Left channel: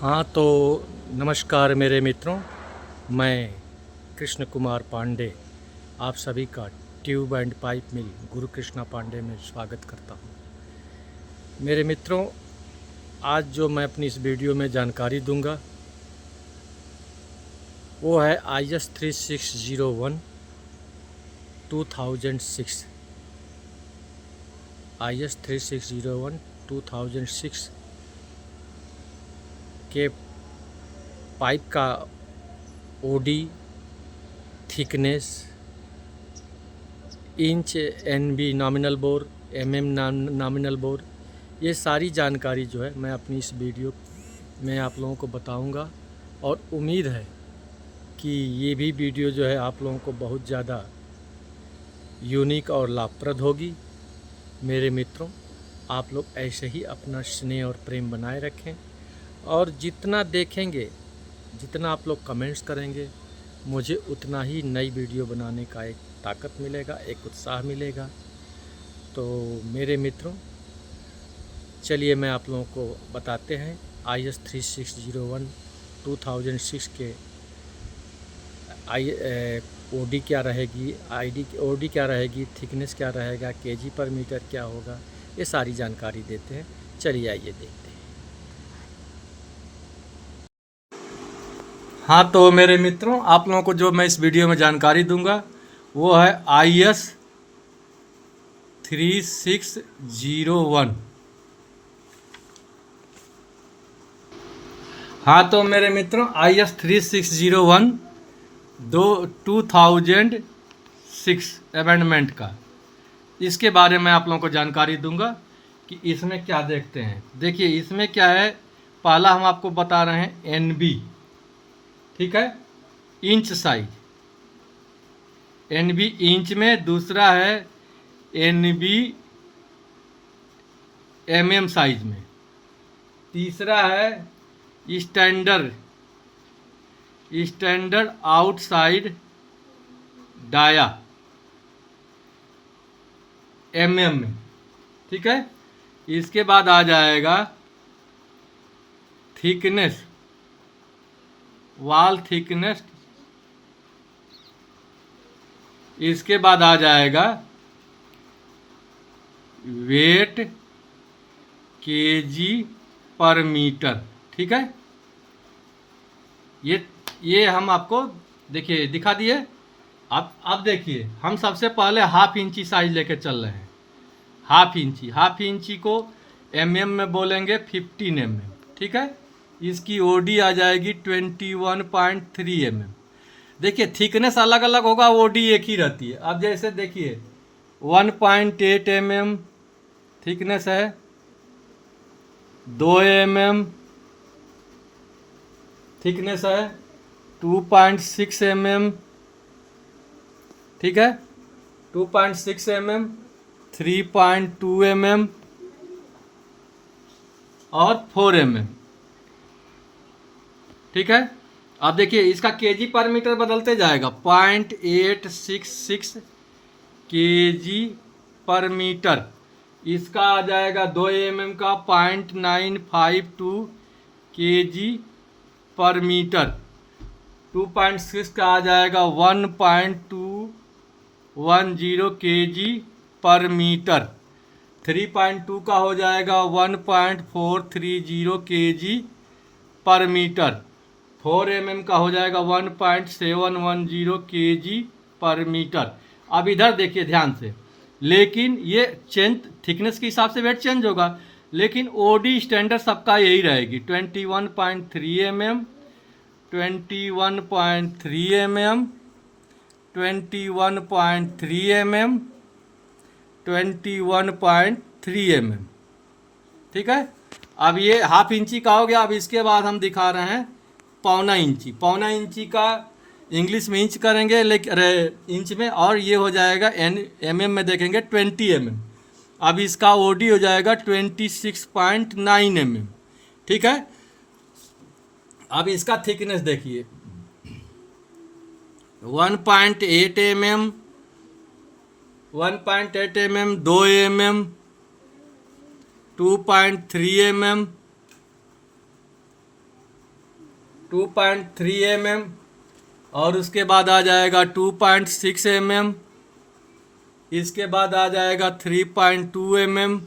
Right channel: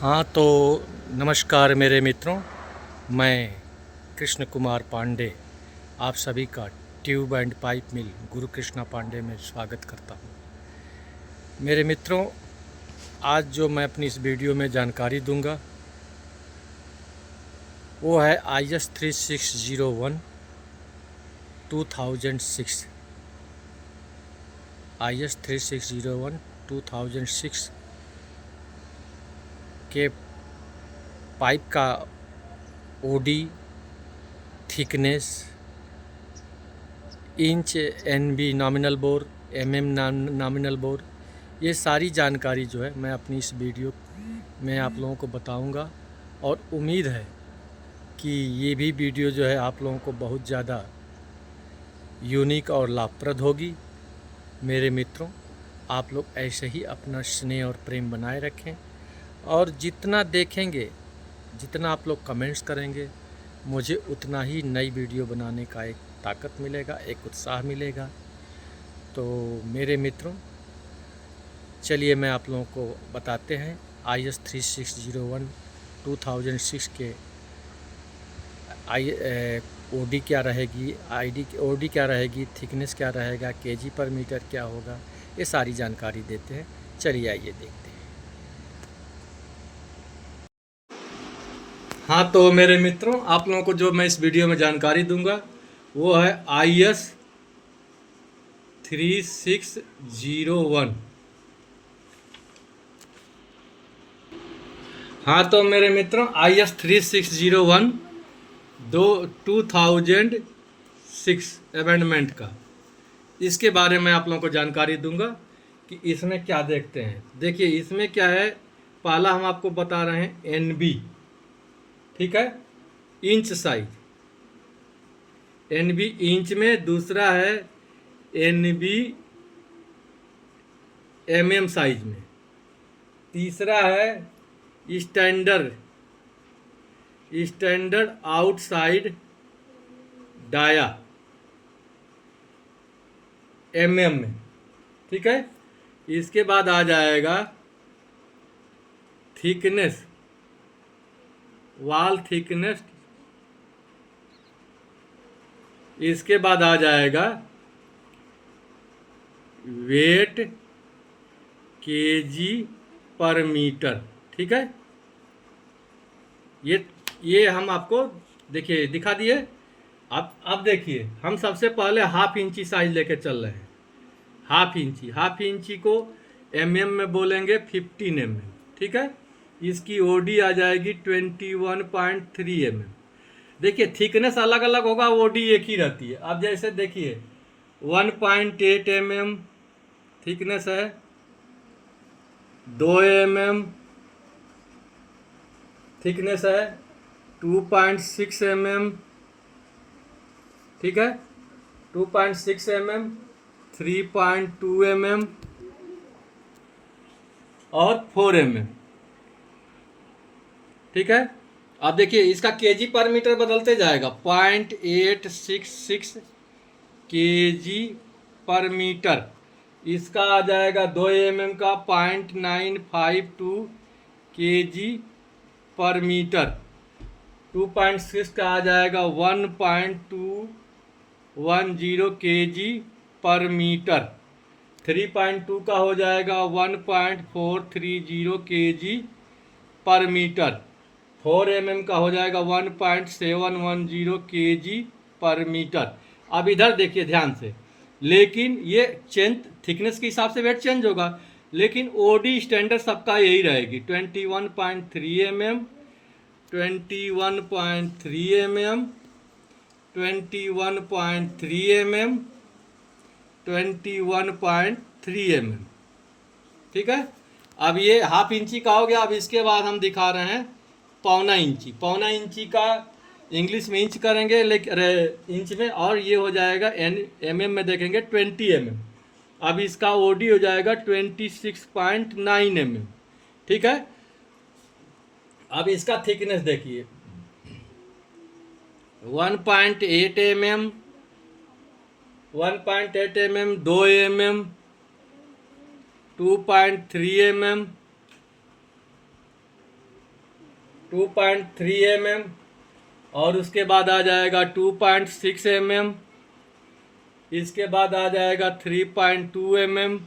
हाँ तो नमस्कार मेरे मित्रों, मैं कृष्ण कुमार पांडे आप सभी का ट्यूब एंड पाइप मिल गुरु कृष्णा पांडे में स्वागत करता हूँ। मेरे मित्रों, आज जो मैं अपनी इस वीडियो में जानकारी दूंगा वो है IS 3601 2006। IS 3601 2006 के पाइप का OD, thickness, inch, NB nominal bore, MM nominal bore, ये सारी जानकारी जो है मैं अपनी इस वीडियो में आप लोगों को बताऊंगा। और उम्मीद है कि ये भी वीडियो जो है आप लोगों को बहुत ज़्यादा यूनिक और लाभप्रद होगी। मेरे मित्रों, आप लोग ऐसे ही अपना स्नेह और प्रेम बनाए रखें और जितना देखेंगे, जितना आप लोग कमेंट्स करेंगे, मुझे उतना ही नई वीडियो बनाने का एक ताकत मिलेगा, एक उत्साह मिलेगा। तो मेरे मित्रों, चलिए मैं आप लोगों को बताते हैं IS 3601 2006 के ओडी क्या रहेगी, ओडी क्या रहेगी, थिकनेस क्या रहेगा, केजी पर मीटर क्या होगा, ये सारी जानकारी देते हैं। चलिए आइए देखते हैं। हाँ तो मेरे मित्रों, आप लोगों को जो मैं इस वीडियो में जानकारी दूंगा वो है IS 3601। हाँ तो मेरे मित्रों, IS 3601 2006 अमेंडमेंट का, इसके बारे में आप लोगों को जानकारी दूंगा कि इसमें क्या देखते हैं। देखिए इसमें क्या है, पहला हम आपको बता रहे हैं NB, ठीक है, इंच साइज, NB इंच में। दूसरा है NB MM साइज में। तीसरा है स्टैंडर्ड आउटसाइड डाया MM में, ठीक है। इसके बाद आ जाएगा थिकनेस, वॉल थिकनेस। इसके बाद आ जाएगा वेट केजी पर मीटर, ठीक है। ये हम आपको देखिए दिखा दिए। आप देखिए, हम सबसे पहले हाफ इंची साइज लेके चल रहे हैं। हाफ इंची को MM में बोलेंगे 15 mm, ठीक है। इसकी OD आ जाएगी 21.3 mm। देखिए थिकनेस अलग अलग होगा, OD एक ही रहती है। अब जैसे देखिए 1.8 mm थिकनेस है, 2 mm थिकनेस है, 2.6 mm, ठीक है, 2.6 mm, 3.2 mm और 4 mm, ठीक है। अब देखिए इसका केजी पर मीटर बदलते जाएगा, 0.866 केजी पर मीटर। इसका आ जाएगा 2 mm का 0.952 केजी पर मीटर। 2.6 का आ जाएगा 1.210 केजी पर मीटर। 3.2 का हो जाएगा 1.430 केजी पर मीटर। 4 mm का हो जाएगा 1.710 केजी पर मीटर। अब इधर देखिए ध्यान से, लेकिन ये चेंज थिकनेस के हिसाब से वेट चेंज होगा, लेकिन OD स्टैंडर्ड सबका यही रहेगी, 21.3 mm, 21.3 mm, 21.3 mm, 21.3 mm, ठीक है। अब ये हाफ इंची का हो गया। अब इसके बाद हम दिखा रहे हैं पौना इंची। पौना इंची का इंग्लिश में इंच करेंगे, लेकिन इंच में, और ये हो जाएगा MM में देखेंगे 20 mm। अब इसका OD हो जाएगा 26.9 mm, ठीक है। अब इसका थिकनेस देखिए, 1.8 mm, 1.8 mm, 2 mm, 2.3 mm, 2.3 mm, और उसके बाद आ जाएगा 2.6 mm, इसके बाद आ जाएगा 3.2 mm,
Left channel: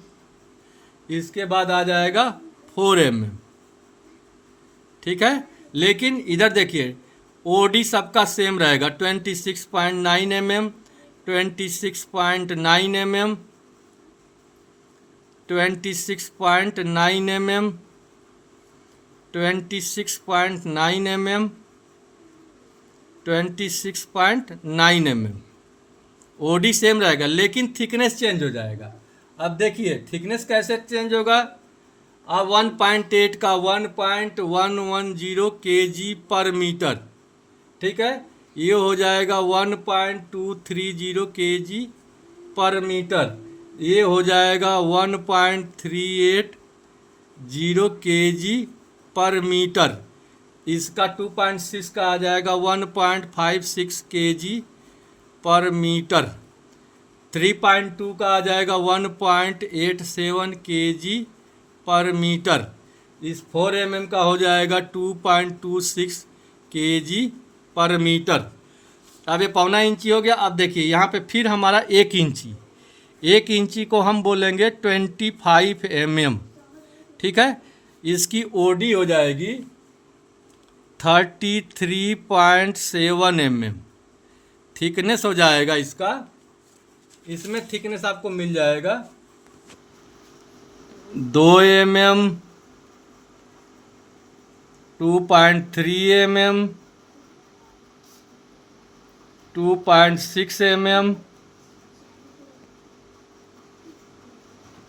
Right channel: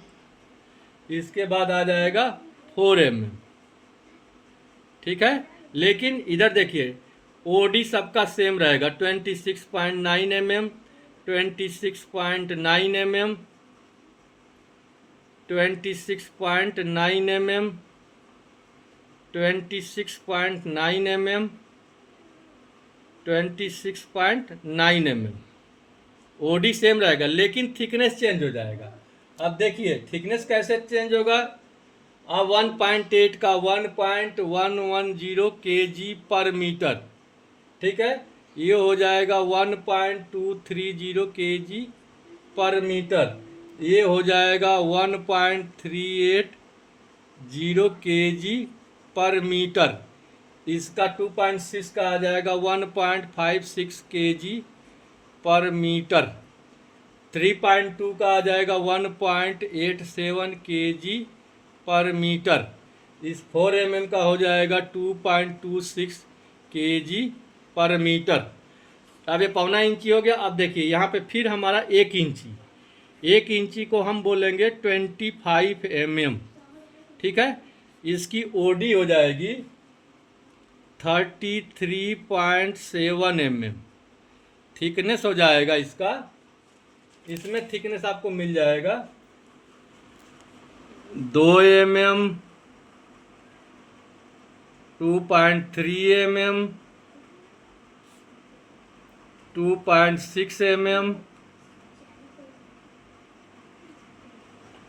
इसके बाद आ जाएगा 4 mm। ठीक है, लेकिन इधर देखिए ओडी सबका सेम रहेगा 26.9 mm, 26.9 mm, 26.9 mm, 26.9 mm, 26.9 mm। OD same रहेगा लेकिन थिकनेस चेंज हो जाएगा। अब देखिए थिकनेस कैसे चेंज होगा। अब 1.8 का 1.110 kg पर मीटर, ठीक है, ये हो जाएगा 1.230 kg पर मीटर, ये हो जाएगा 1.380 kg पर मीटर, इसका 2.6 का आ जाएगा 1.56 kg पर मीटर, 3.2 का आ जाएगा 1.87 kg पर मीटर, इस 4 mm का हो जाएगा 2.26 kg पर मीटर। अब ये पौना इंची हो गया। अब देखिए यहाँ पे फिर हमारा 1 इंची, 1 इंची को हम बोलेंगे 25 mm, ठीक है, इसकी ओडी हो जाएगी 33.7 mm, थिकनेस हो जाएगा इसका, इसमें थिकनेस आपको मिल जाएगा 2 mm, 2.3 mm, 2.6 mm,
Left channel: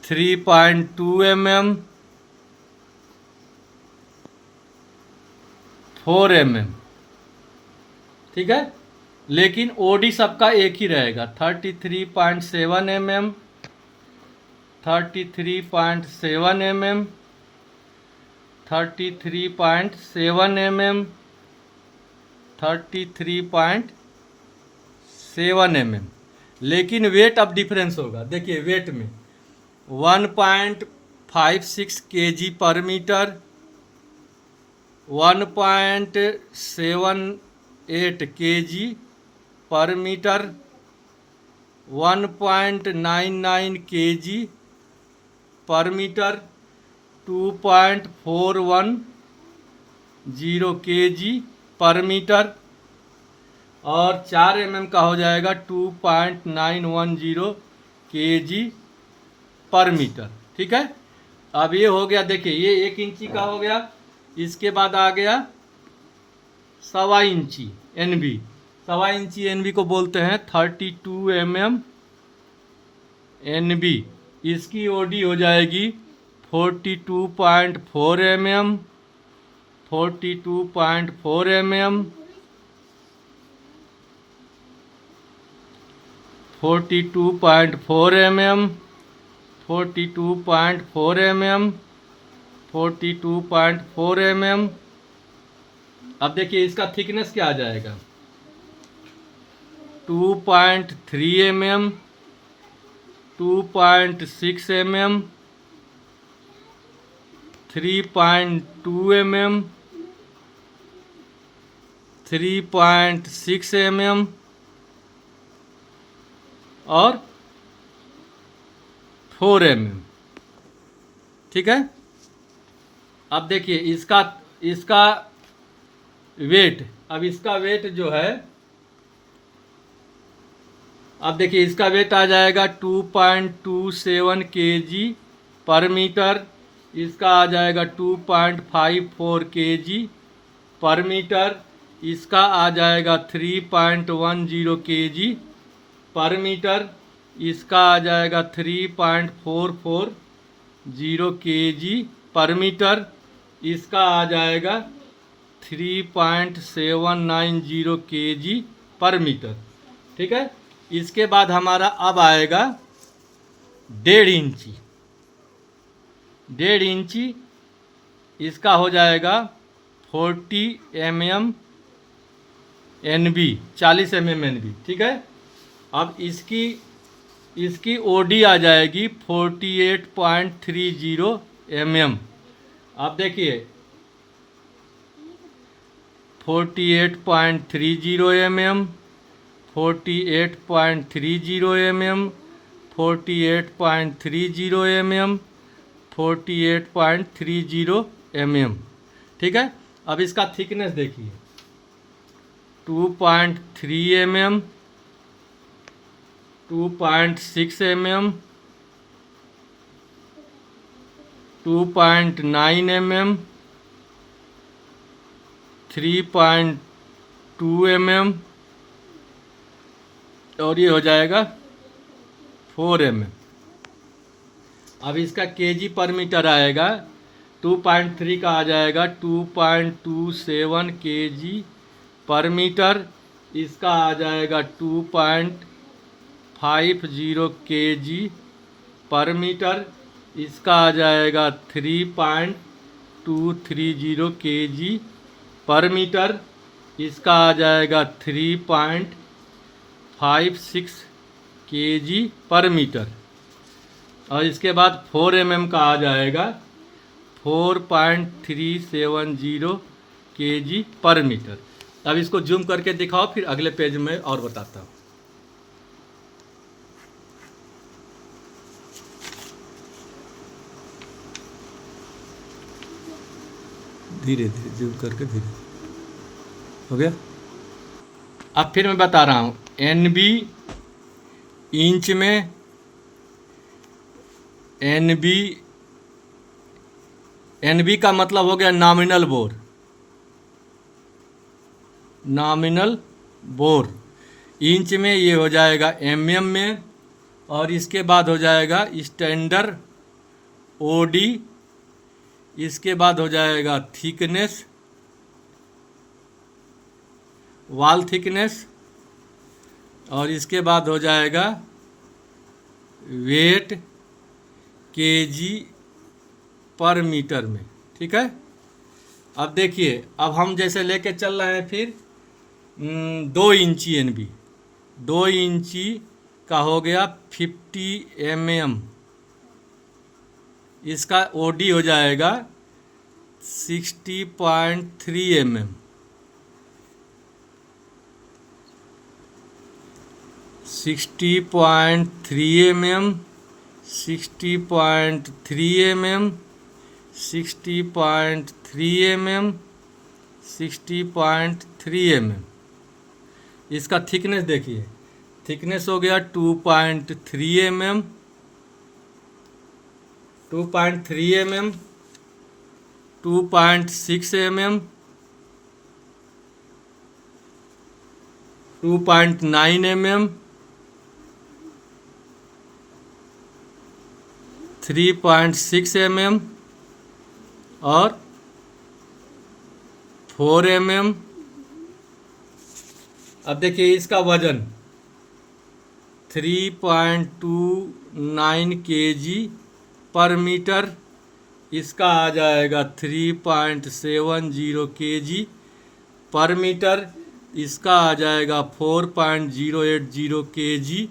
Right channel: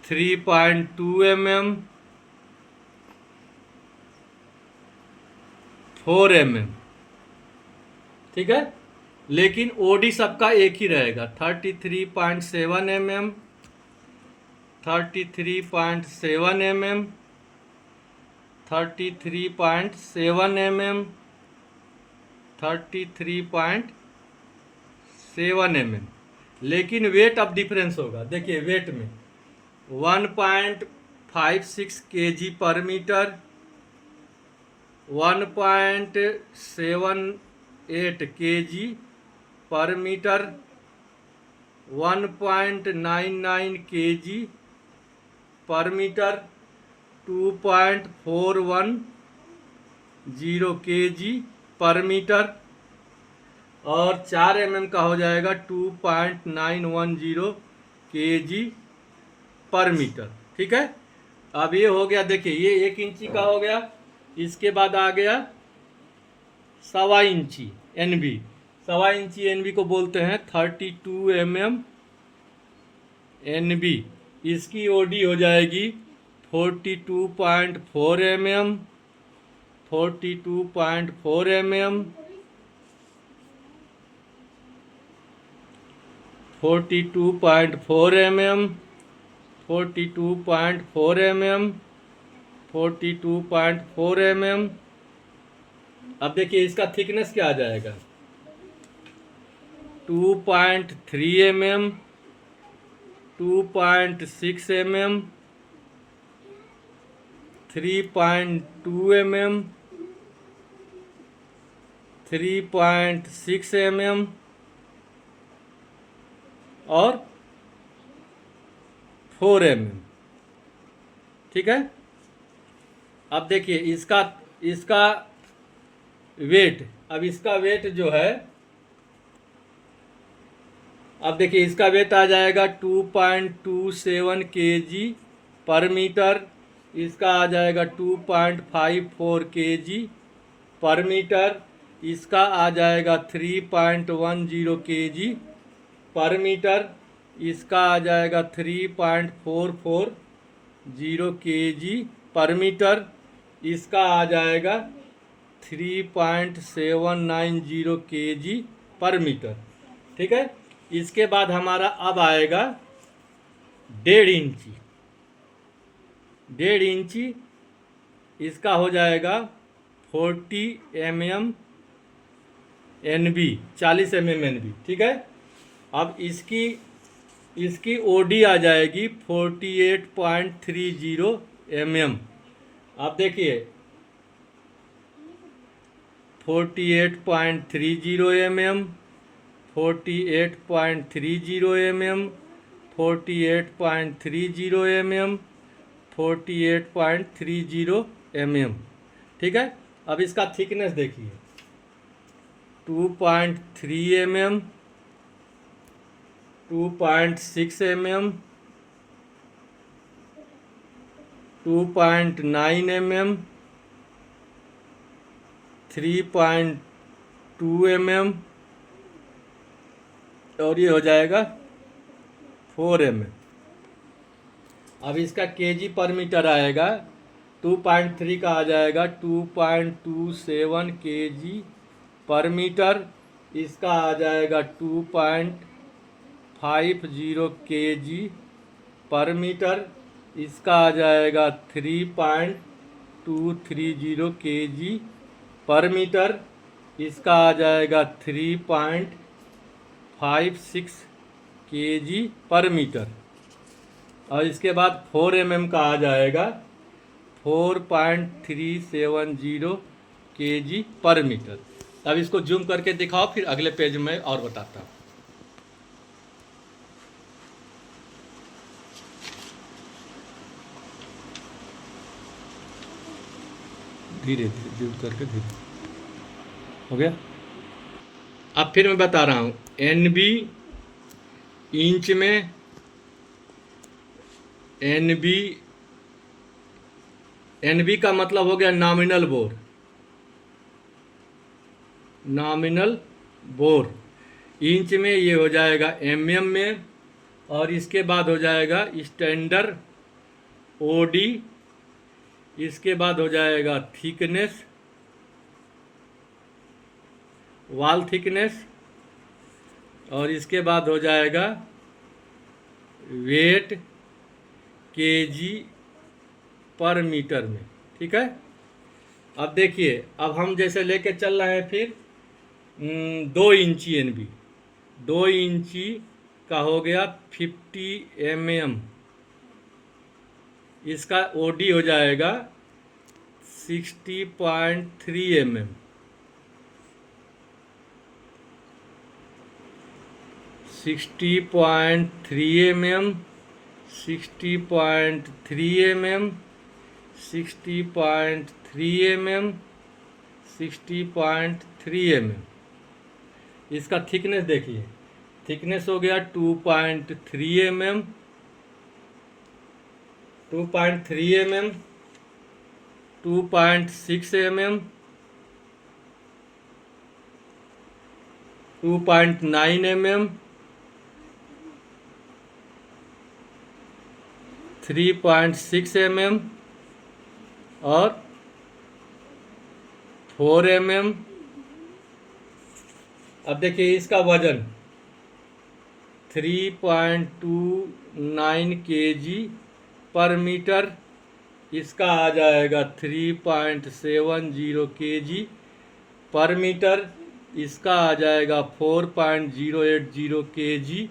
3.2 mm, 4 mm, ठीक है, लेकिन ओडी सबका एक ही रहेगा 33.7 mm, 33.7 mm, 33.7 mm, 33.7 mm, लेकिन वेट अब डिफरेंस होगा। देखिए वेट में 1.56 kg पर मीटर, 1.78 kg पर मीटर, 1.99 kg पर मीटर, 2.410 kg पर मीटर, और 4 mm का हो जाएगा 2.910 kg पर मीटर, ठीक है। अब ये हो गया, देखिए ये 1 इंची का हो गया। इसके बाद आ गया 1.25 इंची एनबी, 1.25 इंची एनबी को बोलते हैं 32 mm एनबी, इसकी ओडी हो जाएगी 42.4 mm, 42.4 mm, 42.4 mm, 42.4 mm, 42.4 mm। अब देखिए इसका थिकनेस क्या आ जाएगा 2.3 mm, 2.6 mm, 3.2 mm, 3.6 mm और 4 mm, ठीक है। अब देखिए इसका वेट, अब इसका वेट जो है, अब देखिए इसका वेट आ जाएगा 2.27 kg पर मीटर, इसका आ जाएगा 2.54 kg पर मीटर, इसका आ जाएगा 3.10 kg पर मीटर, इसका आ जाएगा 3.440 kg पर मीटर, इसका आ जाएगा 3.790 kg पर मीटर, ठीक है। इसके बाद हमारा अब आएगा 1.5 इंची, 1.5 इंची, इसका हो जाएगा 40 mm एनबी, 40 mm एनबी, ठीक है। अब इसकी ओडी आ जाएगी 48.30 mm। अब देखिए 48.30 mm, 48.30 mm, 48.30 mm, 48.30 mm। ठीक है। अब इसका थिकनेस देखिए, 2.3 mm, 2.6 mm, 2.9 mm, 3.2 mm और ये हो जाएगा 4 mm। अब इसका केजी पर मीटर आएगा, 2.3 का आ जाएगा 2.27 केजी पर मीटर। इसका आ जाएगा 2.50 केजी पर मीटर। इसका आ जाएगा 3.230 केजी पर मीटर। इसका आ जाएगा 3.56 केजी पर मीटर। और इसके बाद 4 mm का आ जाएगा 4.370 केजी पर मीटर। अब इसको जूम करके दिखाओ, फिर अगले पेज में और बताता हूँ। धीरे धीरे जूम करके धीरे हो गया। अब फिर मैं बता रहा हूँ, NB इंच में, NB का मतलब हो गया nominal bore, nominal bore. Inch में ये हो जाएगा mm में, और इसके बाद हो जाएगा स्टैंडर्ड OD। इसके बाद हो जाएगा थिकनेस, वॉल थिकनेस, और इसके बाद हो जाएगा वेट केजी पर मीटर में। ठीक है। अब देखिए, अब हम जैसे लेके चल रहे हैं, फिर 2 इंची NB, 2 इंची का हो गया 50 mm। इसका OD हो जाएगा 60.3 mm। 60.3 mm, 60.3 mm, 60.3 mm, 60.3 mm। इसका थिकनेस देखिए, थिकनेस हो गया 2.3 mm, 2.3 mm, 2.6 mm, 2.9 mm, 3.6 mm और 4 mm। अब देखिए इसका वजन 3.29 केजी पर मीटर। इसका आ जाएगा 3.70 केजी पर मीटर। इसका आ जाएगा 4.080 केजी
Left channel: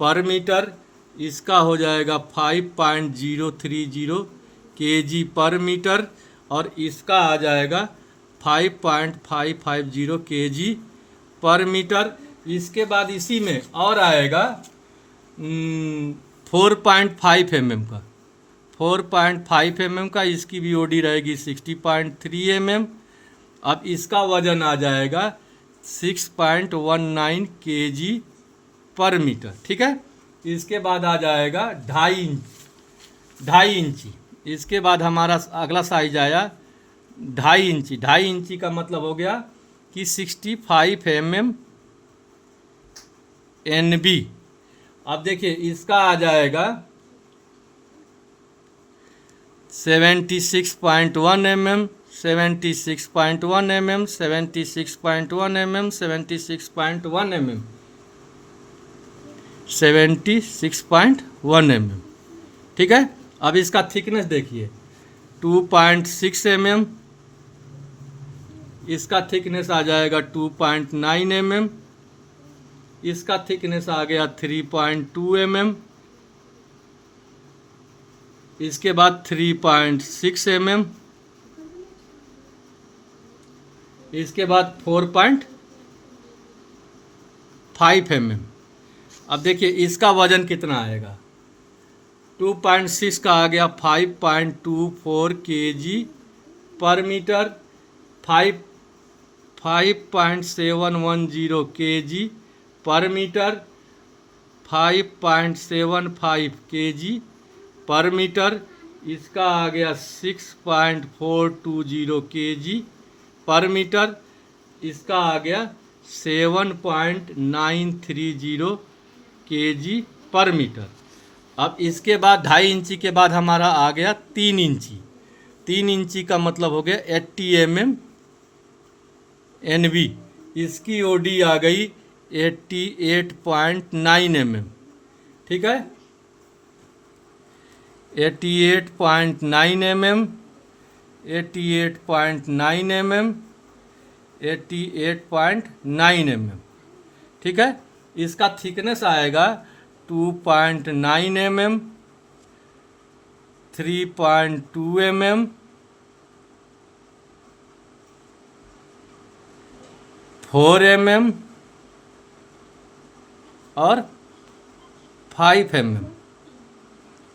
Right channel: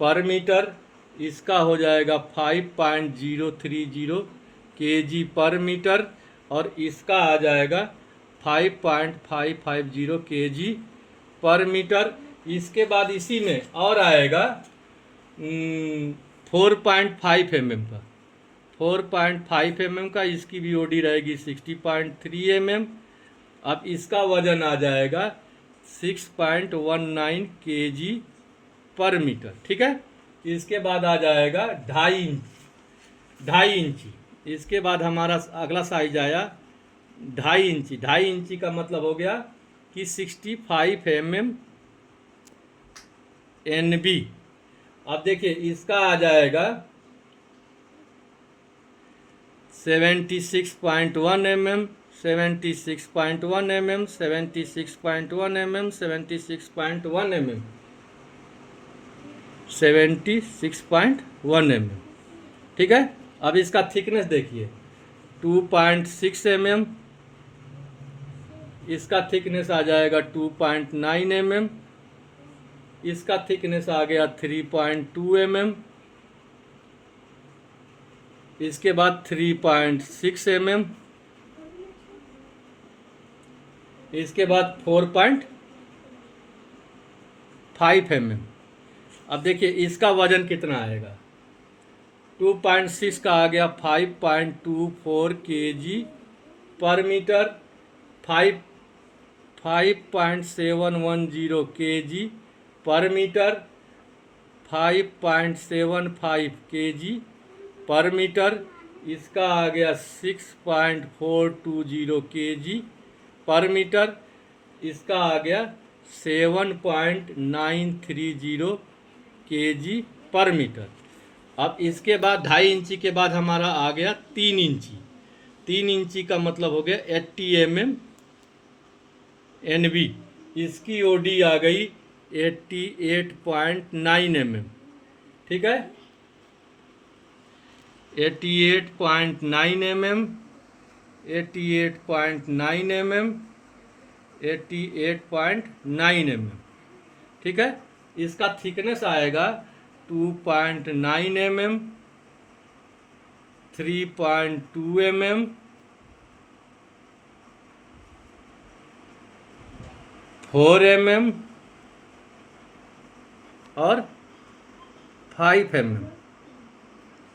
पर मीटर। इसका हो जाएगा 5.030 केजी पर मीटर, और इसका आ जाएगा 5.550 केजी पर मीटर। इसके बाद इसी में और आएगा 4.5 mm का, 4.5 mm का। इसकी भी OD रहेगी 60.3 mm। अब इसका वजन आ जाएगा 6.19 केजी पर मीटर। ठीक है। इसके बाद आ जाएगा 2.5 इंची। इसके बाद हमारा अगला साइज आया 2.5 इंची। 2.5 इंची का मतलब हो गया कि 65 mm NB। अब देखिए इसका आ जाएगा 76.1 mm, 76.1 mm, 76.1 mm, 76.1 mm, 76.1 mm। ठीक है। अब इसका थिकनेस देखिए 2.6 mm। इसका थिकनेस आ जाएगा 2.9 mm। इसका थिकनेस आ गया 3.2 mm। इसके बाद 3.6 mm। इसके बाद 4.5 mm। अब देखिए इसका वजन कितना आएगा, 2.6 का आ गया 5.24 kg पर मीटर, 5.710 kg पर मीटर, 5.75 kg पर मीटर। इसका आ गया 6.420 kg पर मीटर। इसका आ गया 7.930 kg पर मीटर। अब इसके बाद 2.5 इंची के बाद हमारा आ गया 3 इंची। 3 इंची का मतलब हो गया 80 mm NB। इसकी OD आ गई 88.9 mm। ठीक है, 88.9 mm, 88.9 mm, 88.9 mm। ठीक है, इसका थिकनेस आएगा 2.9 mm, 3.2 mm, 4 mm और 5 mm।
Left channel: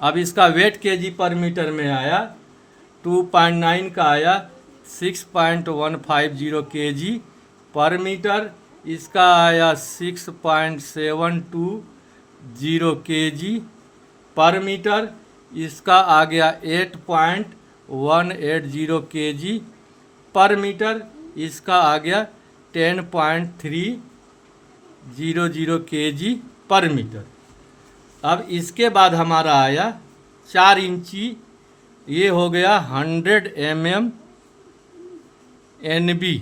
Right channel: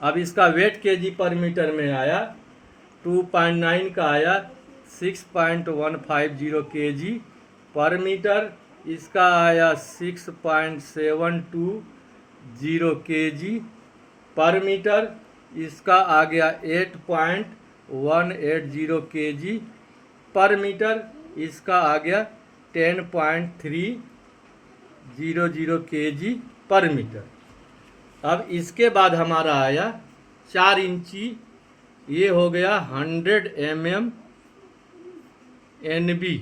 अब इसका वेट केजी पर मीटर में आया, 2.9 का आया 6.150 kg पर मीटर। इसका आया 6.720 kg पर मीटर। इसका आ गया 8.180 kg पर मीटर। इसका आ गया 10.300 kg पर मीटर। अब इसके बाद हमारा आया 4 इंची, ये हो गया 100 mm NB।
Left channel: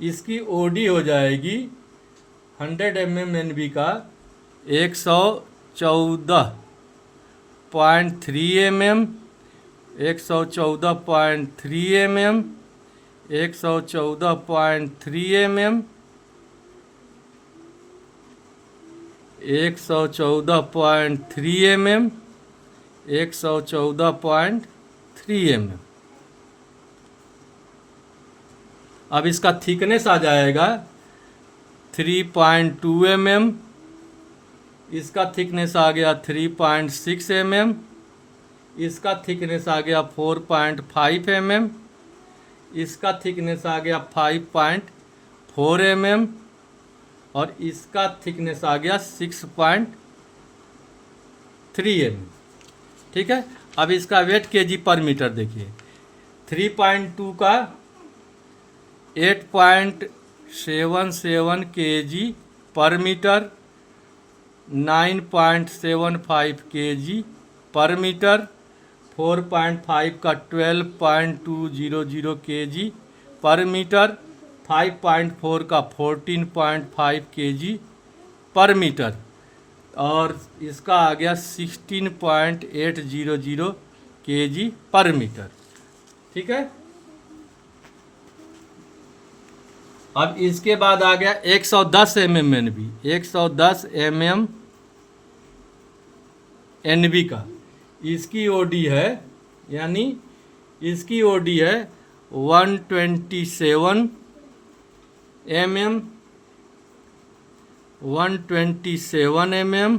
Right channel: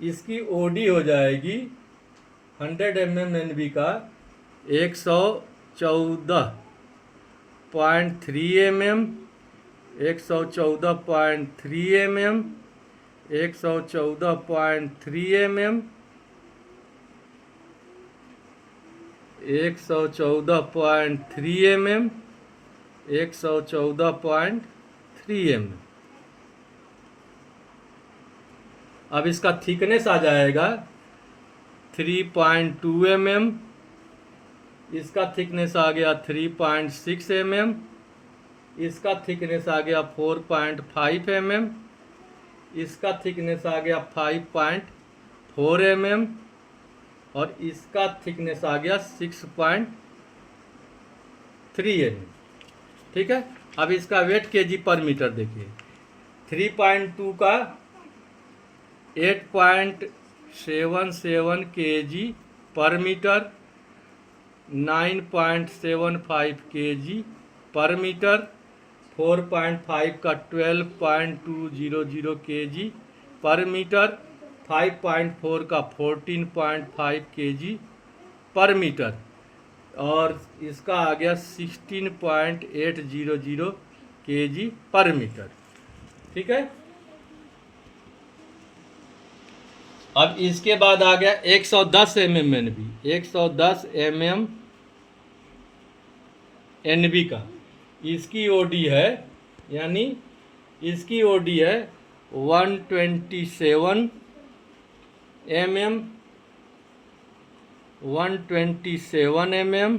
इसकी OD हो जाएगी 100 mm NB का 114.3 mm, 114.3 mm, 114.3 mm, 114.3 mm, 114.3 mm। अब इसका थिकनेस आ जाएगा 3.2 mm। इसका थिकनेस आ गया 3.6 mm। इसका थिकनेस आ गया 4.5 mm। इसका थिकनेस आ गया 5.4 mm और इसका थिकनेस आ गया 6.3 mm। ठीक है, अब इसका वेट केजी पर मीटर देखिए, 3.2 का 8.77 kg पर मीटर, 9.75 kg पर मीटर, 4.5 का 12.200 kg पर मीटर, 5.4 का 14.5 kg पर मीटर और इसका आ गया 16.800 kg पर मीटर। ठीक है, अब इसके बाद आ गया 110 mm NB। 110 mm NB का इसकी OD है, यानी इसकी OD है 127 mm, 127 mm,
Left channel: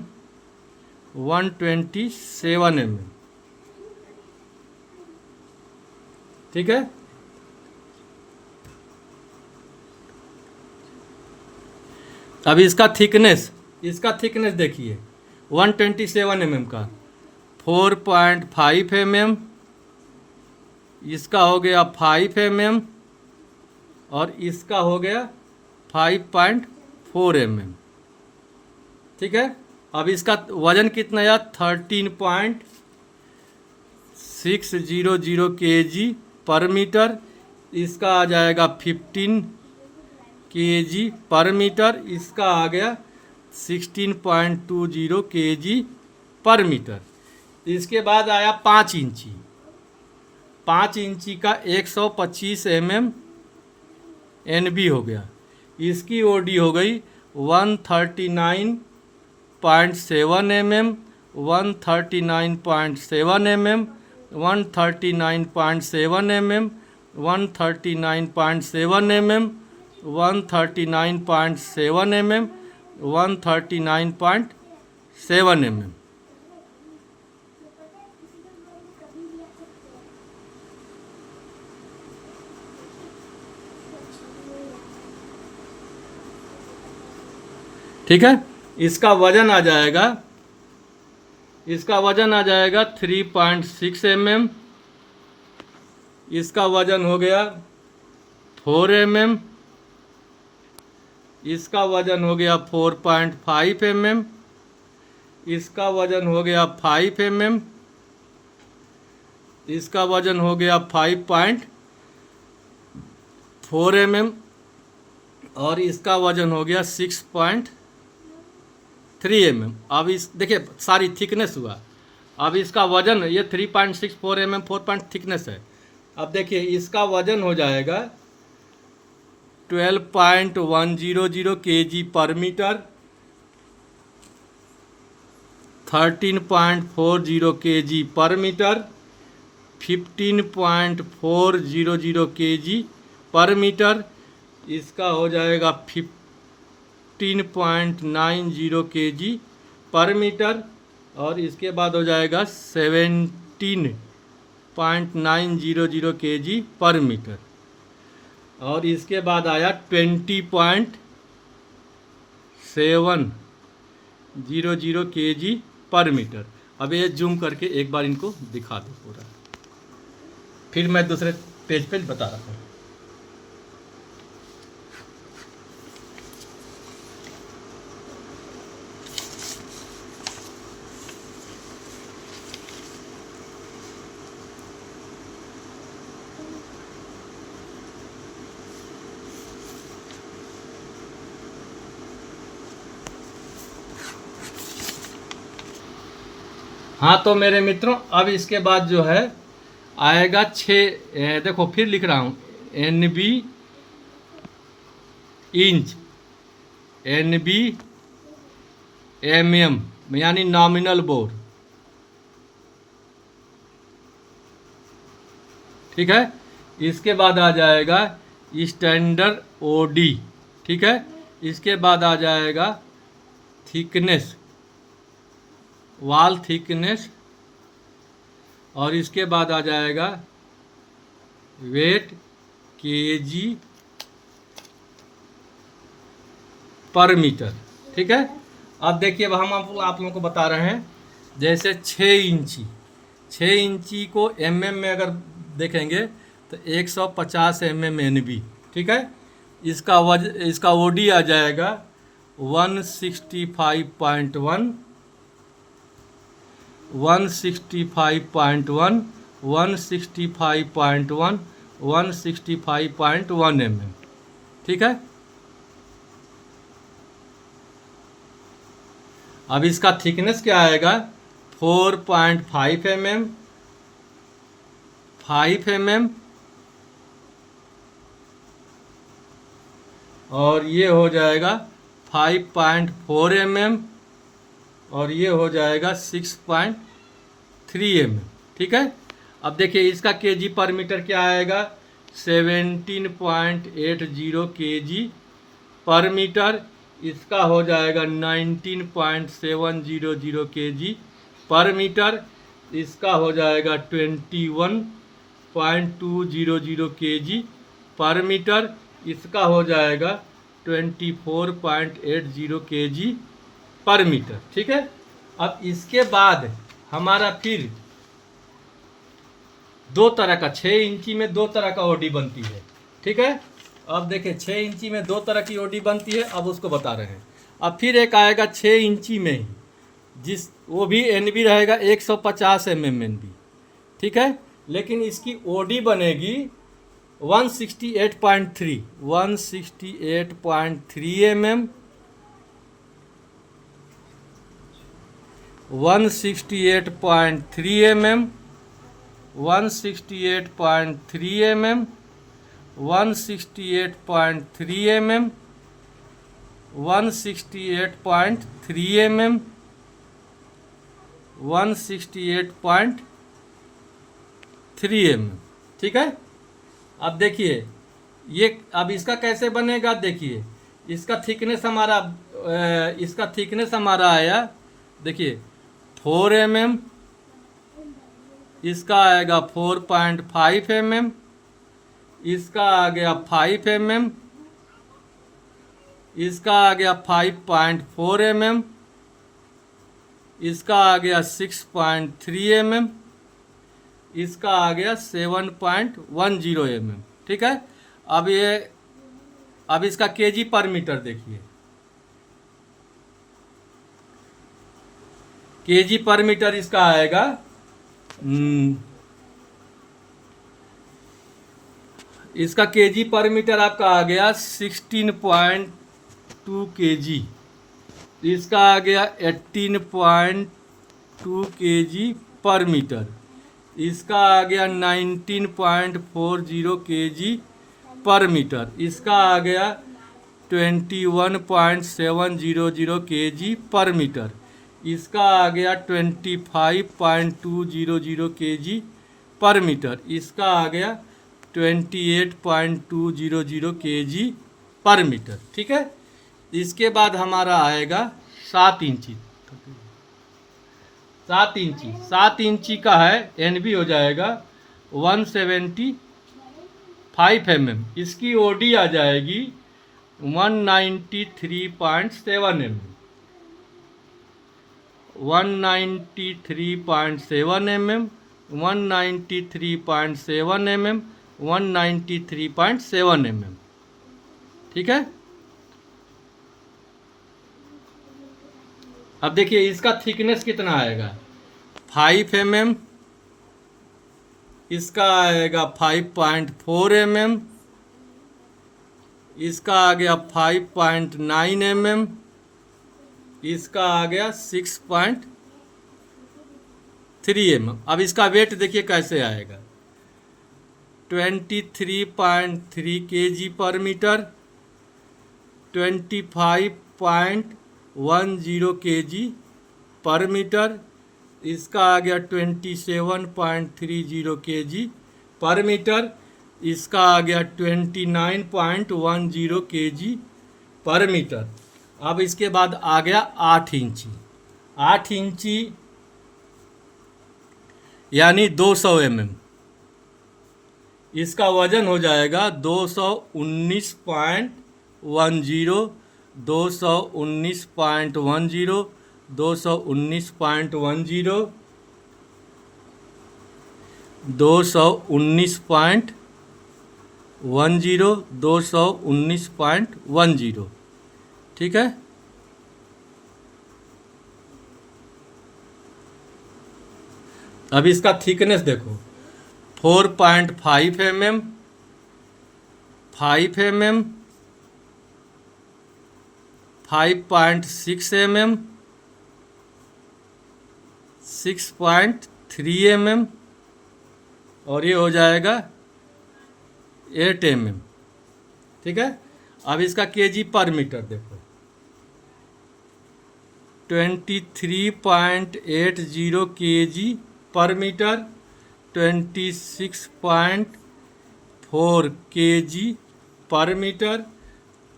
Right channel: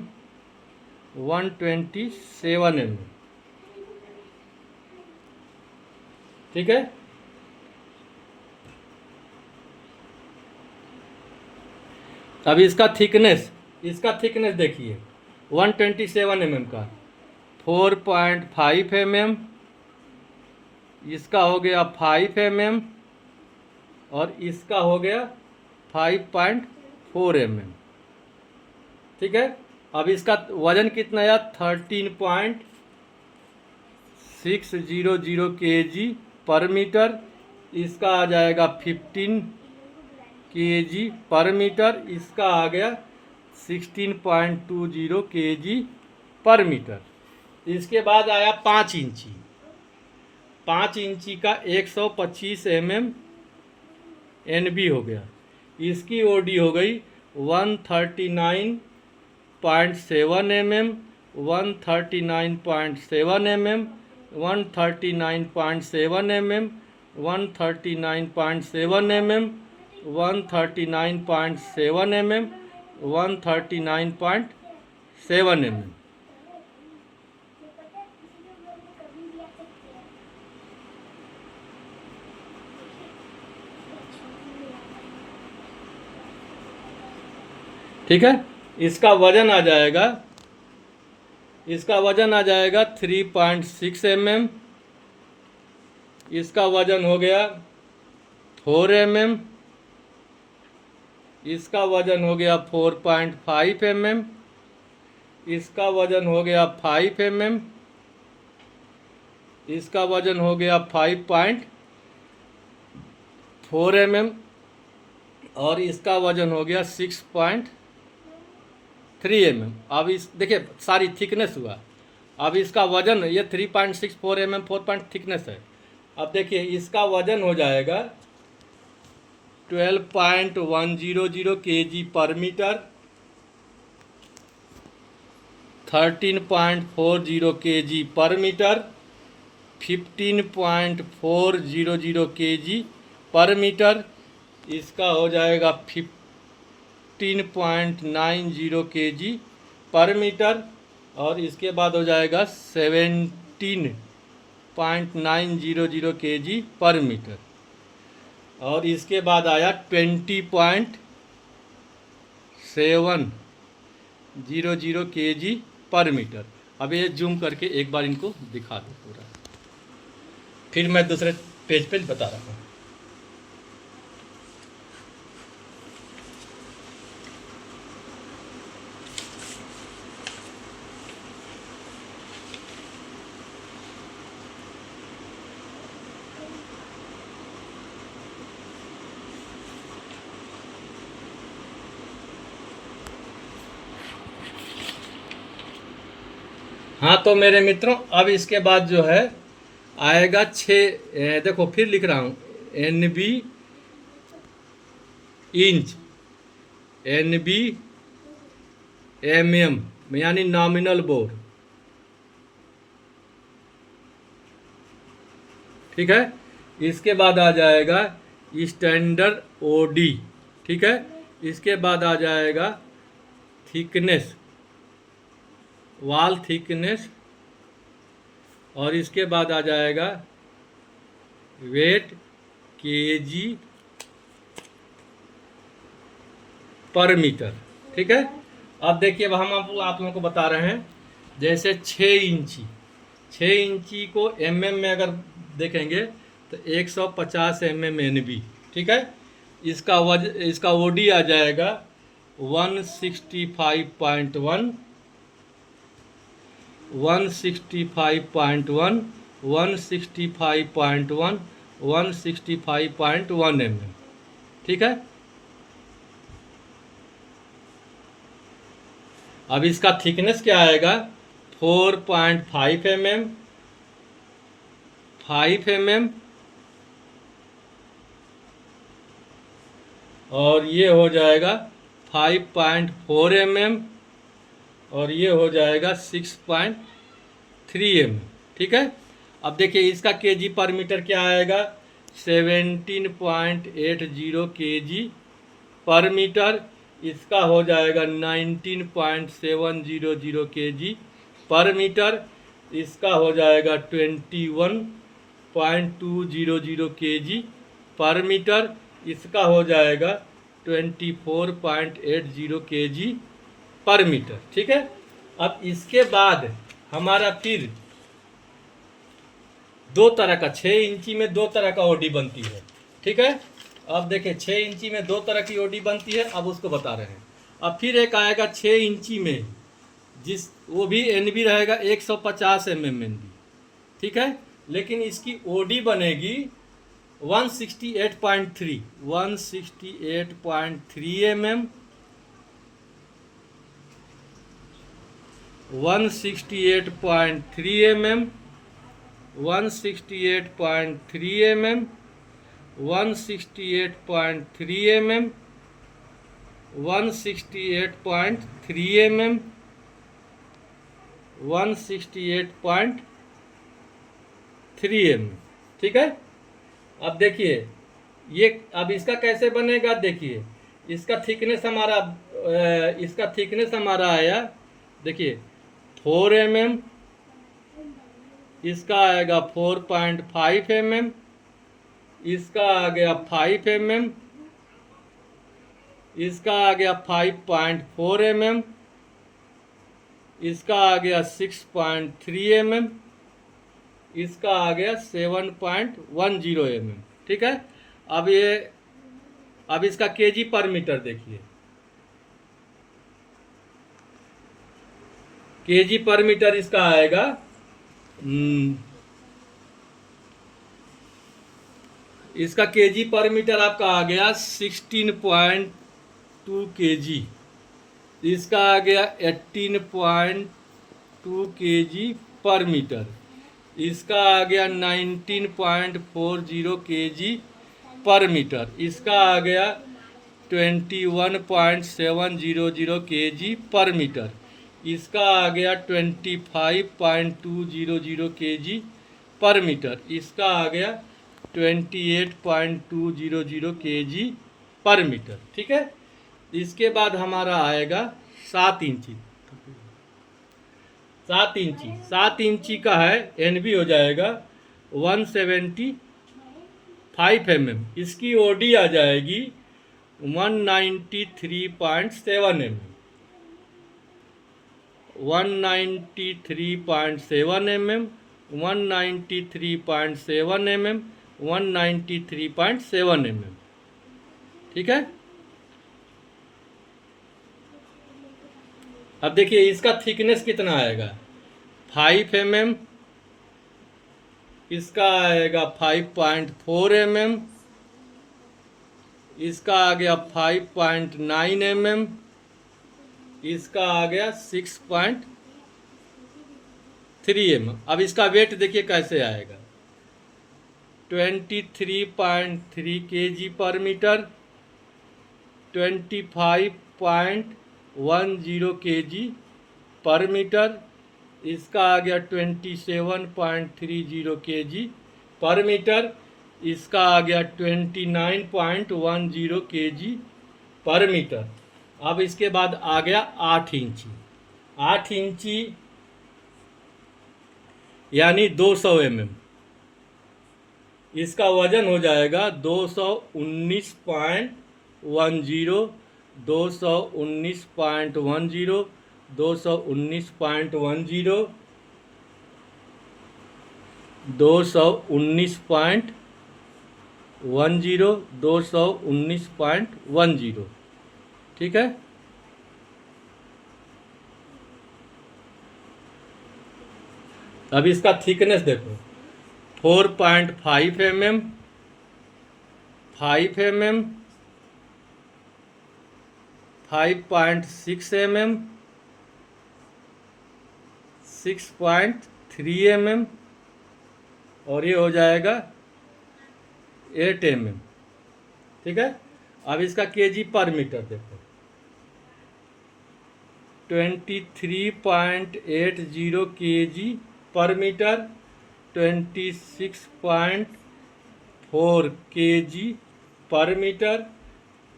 127 mm। ठीक है, अब इसका थिकनेस देखिए 127 mm का 4.5 mm, इसका हो गया 5 mm और इसका हो गया 5.4 mm। ठीक है, अब इसका वजन कितना है 13.600 kg पर मीटर। इसका आ जाएगा 15 kg पर मीटर। इसका आ गया 16.20 kg पर मीटर। इसके बाद आया 5 इंची। 5 इंची का 125 mm NB हो गया। इसकी OD हो गई 139.7 mm, 139.7 mm, 139.7 mm, 139.7 mm, 139.7 mm, 139.7 mm। ठीक है, इसका वजन आ जाएगा, 3.6 mm। इसका वजन हो गया 4 mm। इसका वजन हो गया 4.5 mm। इसका वजन हो गया 5 mm। इसका वजन हो गया 5.4 mm। और इसका वजन हो गया 6.3 mm। अब इस देखिए सारी थिकनेस हुआ। अब इसका वजन, ये 3.64 mm 4 थिकनेस है। अब देखिए इसका वजन हो जाएगा 12.100 kg पर मीटर, 13.40 kg पर मीटर, 15.400 kg पर मीटर। इसका हो जाएगा 15.90 kg पर मीटर। और इसके बाद हो जाएगा 17.900 kg पर मीटर। और इसके बाद आया 20.700 kg पर मीटर। अब ये जूम करके एक बार इनको दिखा दो पूरा, फिर मैं दूसरे पेज पे बता रहा हूँ। हाँ तो मेरे मित्रों, अब इसके बाद जो है आएगा 6, देखो फिर लिख रहा हूँ, NB इंच, NB mm यानी नॉमिनल बोर। ठीक है, इसके बाद आ जाएगा स्टैंडर्ड OD। ठीक है, इसके बाद आ जाएगा थिकनेस, वॉल थिकनेस। और इसके बाद आ जाएगा वेट kg पर मीटर। ठीक है, अब देखिए अब हम आप लोगों को बता रहे हैं, जैसे 6 इंची को mm में अगर देखेंगे तो 150 mm NB। ठीक है, इसका OD आ जाएगा 165.1, 165.1, 165.1, 165.1 mm। ठीक है, अब इसका थिकनेस क्या आएगा, 4.5 mm, 5 mm। और ये हो जाएगा 5.4 mm। और ये हो जाएगा 6.3 mm। ठीक है, अब देखिए इसका kg पर मीटर क्या आएगा, 17.80 kg पर मीटर। इसका हो जाएगा 19.700 kg पर मीटर। इसका हो जाएगा 21.200 kg पर मीटर। इसका हो जाएगा 24.80 kg पर मीटर। ठीक है, अब इसके बाद हमारा फिर दो तरह का, 6 इंची में दो तरह का OD बनती है। ठीक है, अब देखिए 6 इंची में दो तरह की OD बनती है, अब उसको बता रहे हैं। अब फिर एक आएगा 6 इंची में ही, वो भी NB रहेगा 150 mm NB। ठीक है, लेकिन इसकी OD बनेगी 168.3 mm, 168.3 mm, 168.3 mm, 168.3 mm, 168.3 mm, 168.3 mm। ठीक है, अब देखिए ये, अब इसका कैसे बनेगा, देखिए इसका थिकनेस हमारा आया, देखिए 4 mm, इसका आएगा 4.5 mm, इसका आ गया 5 mm, इसका आ गया 5.4 mm, इसका आ गया 6.3 mm, इसका आ गया 7.10 mm। ठीक है। अब इसका केजी पर मीटर देखिए, केजी पर मीटर इसका आएगा इसका केजी पर मीटर आपका आ गया 16.2 kg, इसका आ गया 18.2 kg पर मीटर, इसका आ गया 19.40 kg पर मीटर, इसका आ गया 21.700 kg पर मीटर, इसका आ गया 25.200 kg पर मीटर, इसका आ गया 28.200 kg पर मीटर। ठीक है। इसके बाद हमारा आएगा 7 इंची। 7 इंची का है, एनबी हो जाएगा 175 mm, इसकी ओडी आ जाएगी 193.7 mm, 193.7 mm, 193.7 mm, 193.7 mm। ठीक है। अब देखिए इसका थिकनेस कितना आएगा, 5 mm, इसका आएगा 5.4 mm, इसका आ गया 5.9 mm, इसका आ गया 6.3 mm। अब इसका वेट देखिए कैसे आएगा, 23.3 kg पर मीटर, 25.10 kg पर मीटर, इसका आ गया 27.30 kg पर मीटर, इसका आ गया 29.10 kg पर मीटर। अब इसके बाद आ गया 8 इंची। 8 इंची यानी 200 mm, इसका वजन हो जाएगा 219.10, 219.10, 219.10, 219.10, 219.10। ठीक है। अब इसका थिकनेस देखो, 4.5 mm, 5 mm, 5.6 mm, 6.3 mm, और ये हो जाएगा 8 mm। ठीक है। अब इसका केजी पर मीटर देखो, 23.80 kg पर मीटर, 26.4 kg पर मीटर,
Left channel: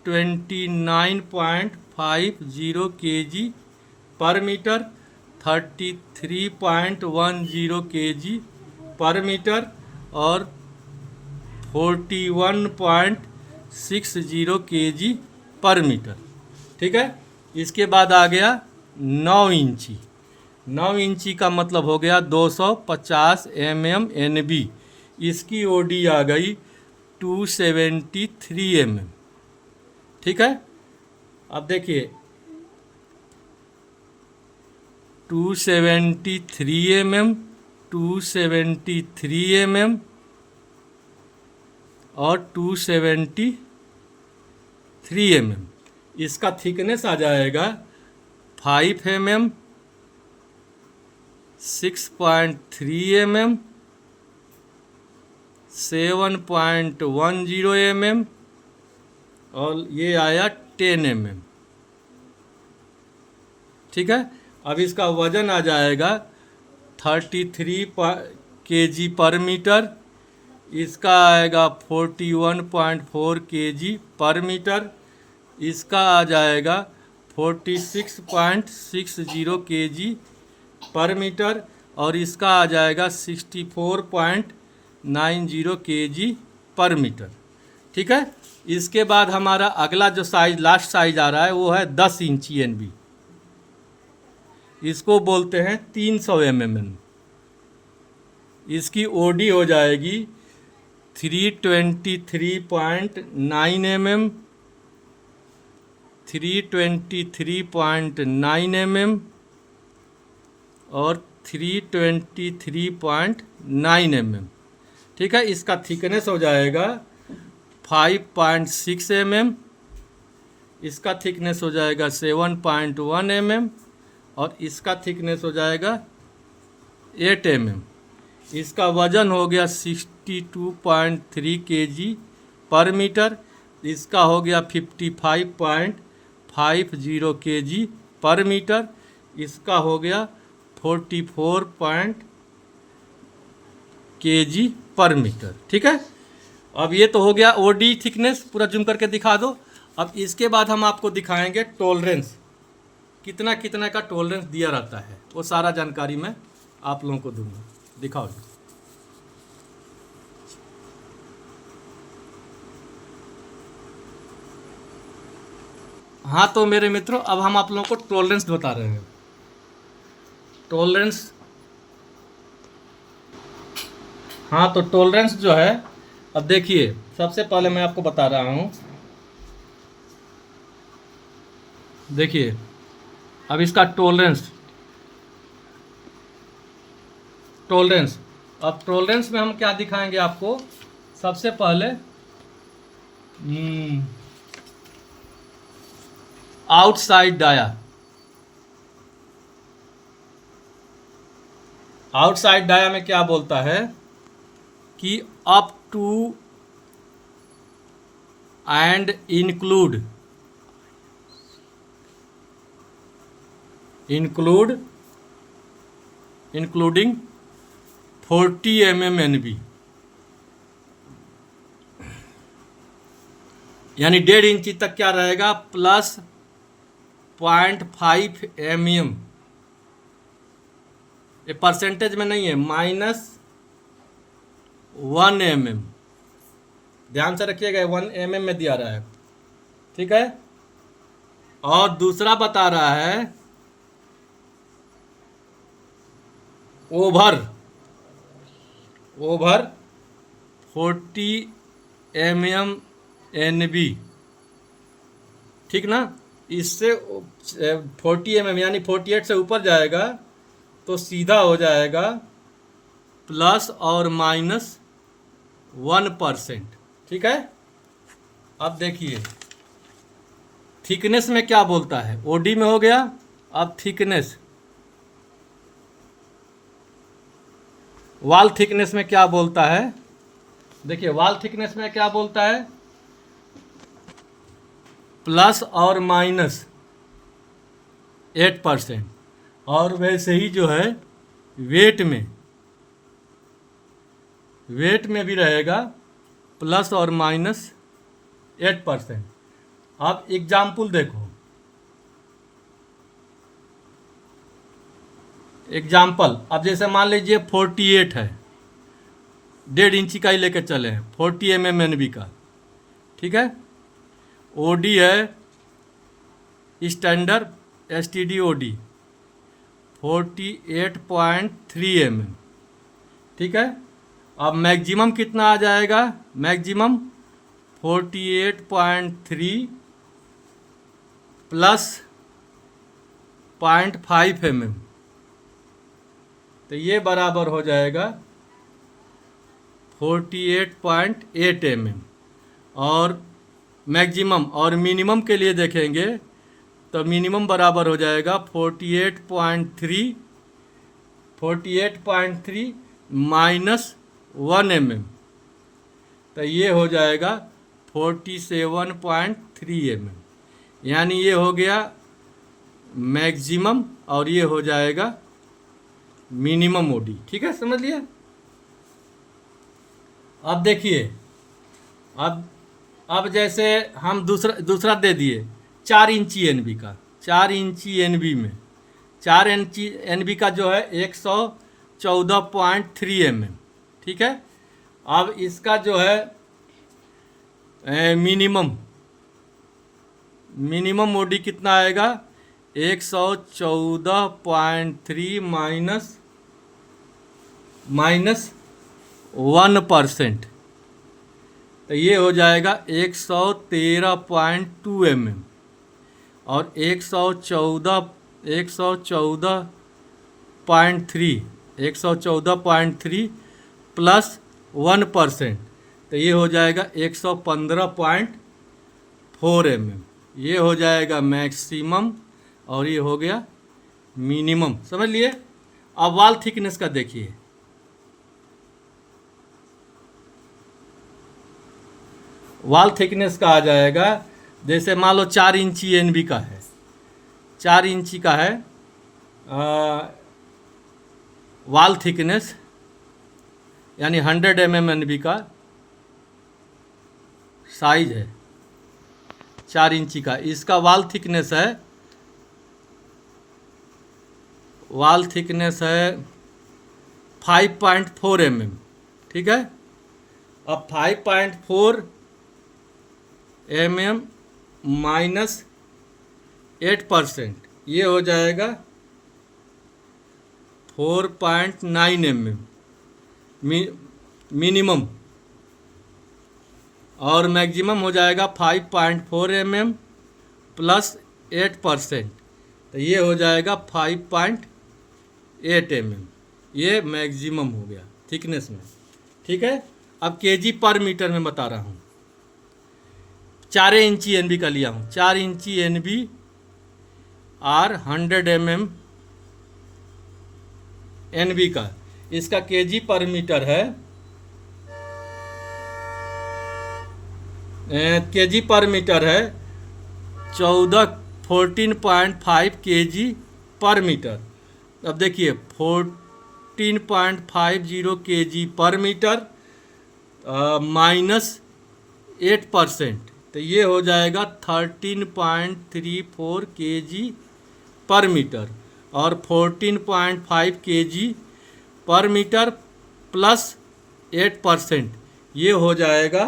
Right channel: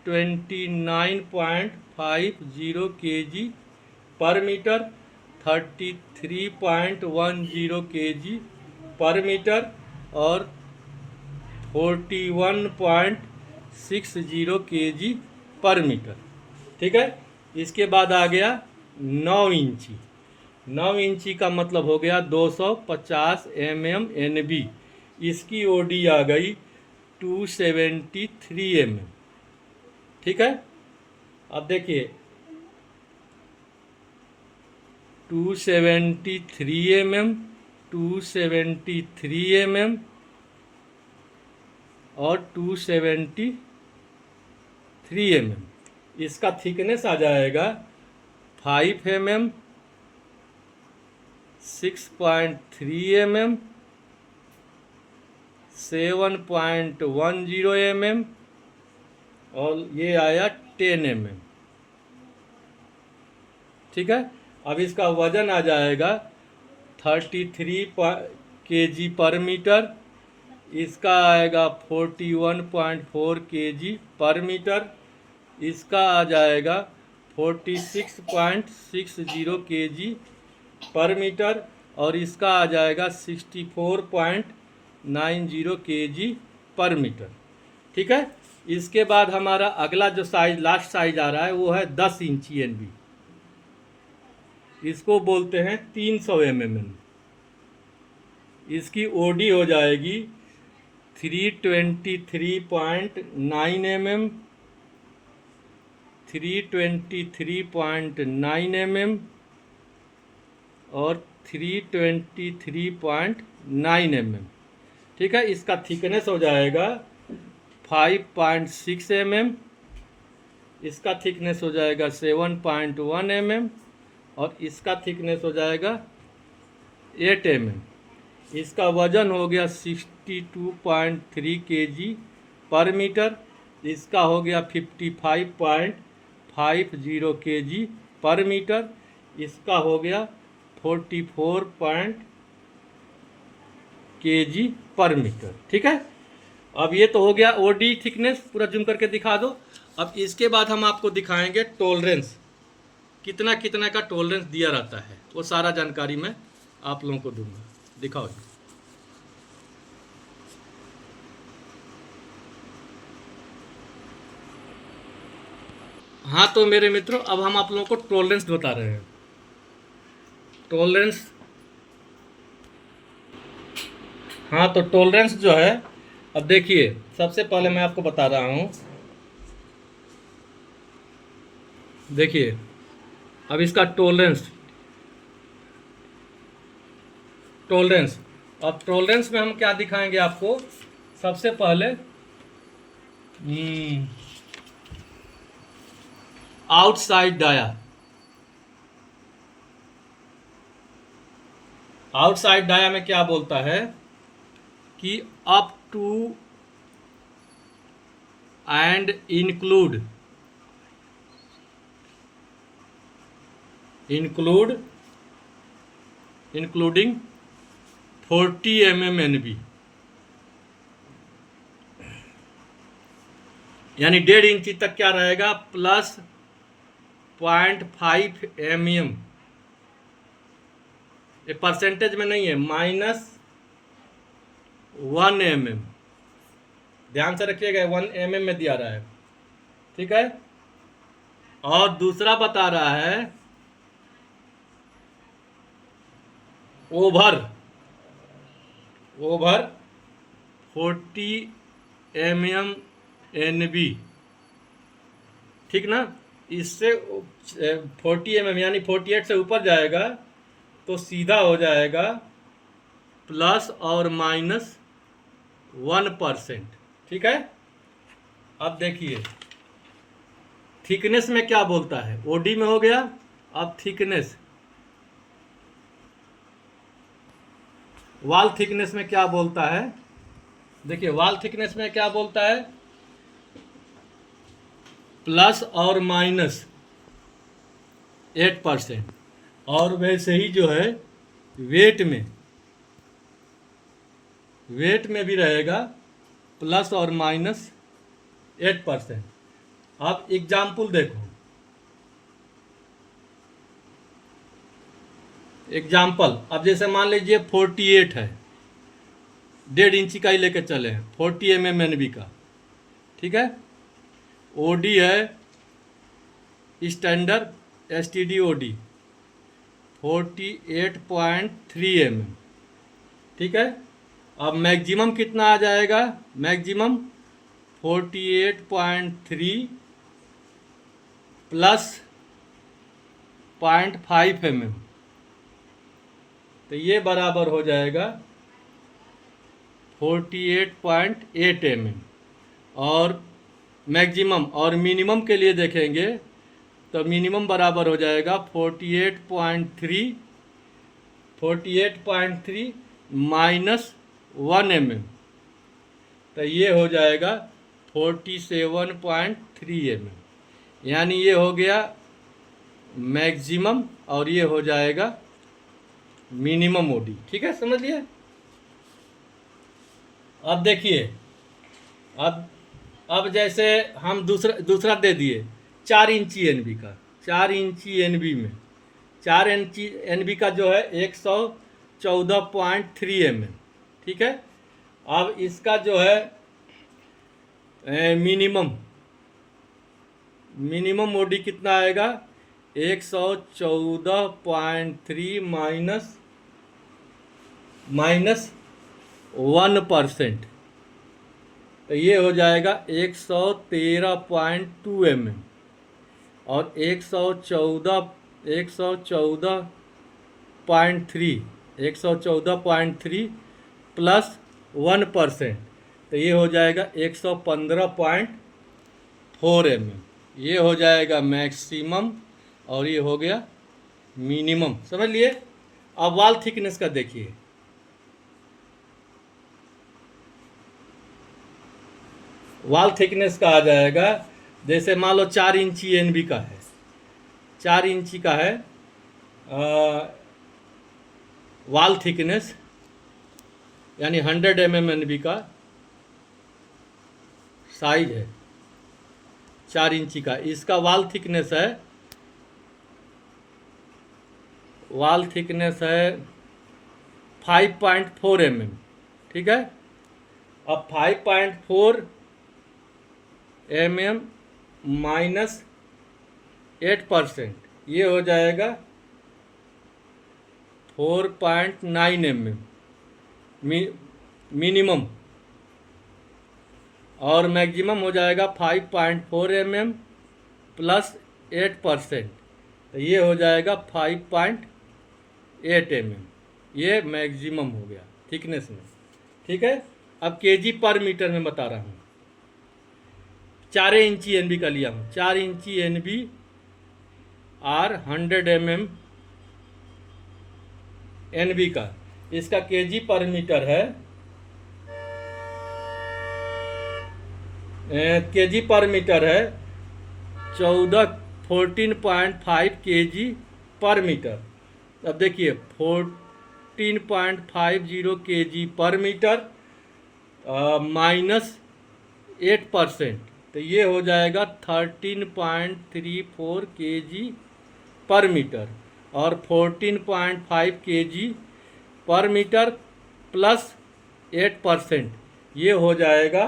29.50 kg पर मीटर, 33.10 kg पर मीटर और 41.60 kg पर मीटर। ठीक है। इसके बाद आ गया 9 इंची। 9 इंची का मतलब हो गया 250 mm NB, इसकी ओडी आ गई 273 mm। ठीक है। अब देखिए 273 mm, 273 mm और 273 mm। इसका थिकनेस आ जाएगा 5 mm, 6.3 mm, 7.10 mm और ये आया 10 mm। ठीक है। अब इसका वजन आ जाएगा 33 kg पर मीटर, इसका आएगा 41.4 kg पर मीटर, इसका आ जाएगा 46.60 kg पर मीटर, और इसका आ जाएगा 64.90 kg पर मीटर। ठीक है। इसके बाद हमारा अगला जो साइज, लास्ट साइज आ रहा है वो है 10 इंची NB। इसको बोलते हैं 300 mm। इसकी OD हो जाएगी 323.9 mm, 323.9 mm और 323.9 mm। ठीक है। इसका थिकनेस हो जाएगा 5.6 mm, इसका थिकनेस हो जाएगा 7.1 mm और इसका थिकनेस हो जाएगा 8 mm। इसका वजन हो गया 62.3 kg पर मीटर, इसका हो गया 55.50 kg पर मीटर, इसका हो गया 44 kg पर मीटर। ठीक है। अब ये तो हो गया OD थिकनेस, पूरा जूम करके दिखा दो। अब इसके बाद हम आपको दिखाएंगे टॉलरेंस, कितना कितना का टॉलरेंस दिया रहता है, वो सारा जानकारी मैं आप लोगों को दूंगा। दिखाओ जी। हाँ तो मेरे मित्रों, अब हम आप लोगों को टॉलरेंस बता रहे हैं। टॉलरेंस, हाँ तो टॉलरेंस जो है, अब देखिए सबसे पहले मैं आपको बता रहा हूँ। देखिए अब इसका टॉलरेंस, अब टॉलरेंस में हम क्या दिखाएंगे आपको। सबसे पहले आउटसाइड डाया, आउटसाइड डाया में क्या बोलता है कि up to and including 40 mm NB, यानी 1.5 इंची तक क्या रहेगा, प्लस 0.5 mm। ये परसेंटेज में नहीं है, -1 mm। ध्यान से रखिएगा, 1 mm में दिया रहा है। ठीक है। और दूसरा बता रहा है ओवर 40 mm NB। ठीक ना। इससे 40 mm यानी 48 से ऊपर जाएगा तो सीधा हो जाएगा प्लस और -1%। ठीक है। अब देखिए थिकनेस में क्या बोलता है, OD में हो गया। अब थिकनेस, वॉल थिकनेस में क्या बोलता है। देखिए वॉल थिकनेस में क्या बोलता है, प्लस और -8%। और वैसे ही जो है वेट में भी रहेगा प्लस और -8%। अब एग्जाम्पल देखो, एग्जाम्पल अब जैसे मान लीजिए 48 है, 1.5 इंची का ही लेके चले, 40 mm NB का। ठीक है। OD है स्टैंडर्ड STD OD 48.3 mm। ठीक है। अब मैक्सिमम कितना आ जाएगा, मैक्सिमम 48.3 प्लस 0.5 mm, तो ये बराबर हो जाएगा 48.8 mm। और मैक्सिमम और मिनिमम के लिए देखेंगे तो मिनिमम बराबर हो जाएगा 48.3 -1 mm, तो ये हो जाएगा 47.3 mm। यानी ये हो गया मैक्सिमम और ये हो जाएगा मिनिमम OD। ठीक है, समझ लिया। अब देखिए, अब जैसे हम दूसरा दे दिए 4 इंची एनबी का। 4 इंची एनबी में 4 इंची एनबी का जो है 114.3 mm, ठीक है। अब इसका जो है मिनिमम मोडी कितना आएगा, 114.3 माइनस 1%, तो ये हो जाएगा 113.2 mm। और 114.3 प्लस 1%, तो ये हो जाएगा 115.4 mm। ये हो जाएगा मैक्सिमम और ये हो गया मिनिमम, समझ लिए। अब वाल थिकनेस का देखिए, वाल थिकनेस का आ जाएगा, जैसे मान लो 4 इंची एनबी का है, 4 इंची का है वाल थिकनेस, यानी 100 mm एनबी का साइज है 4 इंची का। इसका वाल थिकनेस है 5.4 mm, ठीक है। अब 5.4 mm माइनस 8%, ये हो जाएगा 4.9 mm मिनिमम, और मैक्सिमम हो जाएगा 5.4 mm प्लस 8%, तो ये हो जाएगा 5.8 mm। ये मैक्सिमम हो गया थिकनेस में, ठीक है। अब केजी पर मीटर में बता रहा हूँ। 4 इंची एनबी का लिया हूँ, 4 इंची एनबी आर 100 mm एनबी का, इसका केजी पर मीटर है, केजी पर मीटर है 14.5 केजी पर मीटर। अब देखिए 14.50 केजी पर मीटर माइनस 8%, तो ये हो जाएगा 13.34 केजी पर मीटर, और 14.5 केजी पर मीटर प्लस 8%, ये हो जाएगा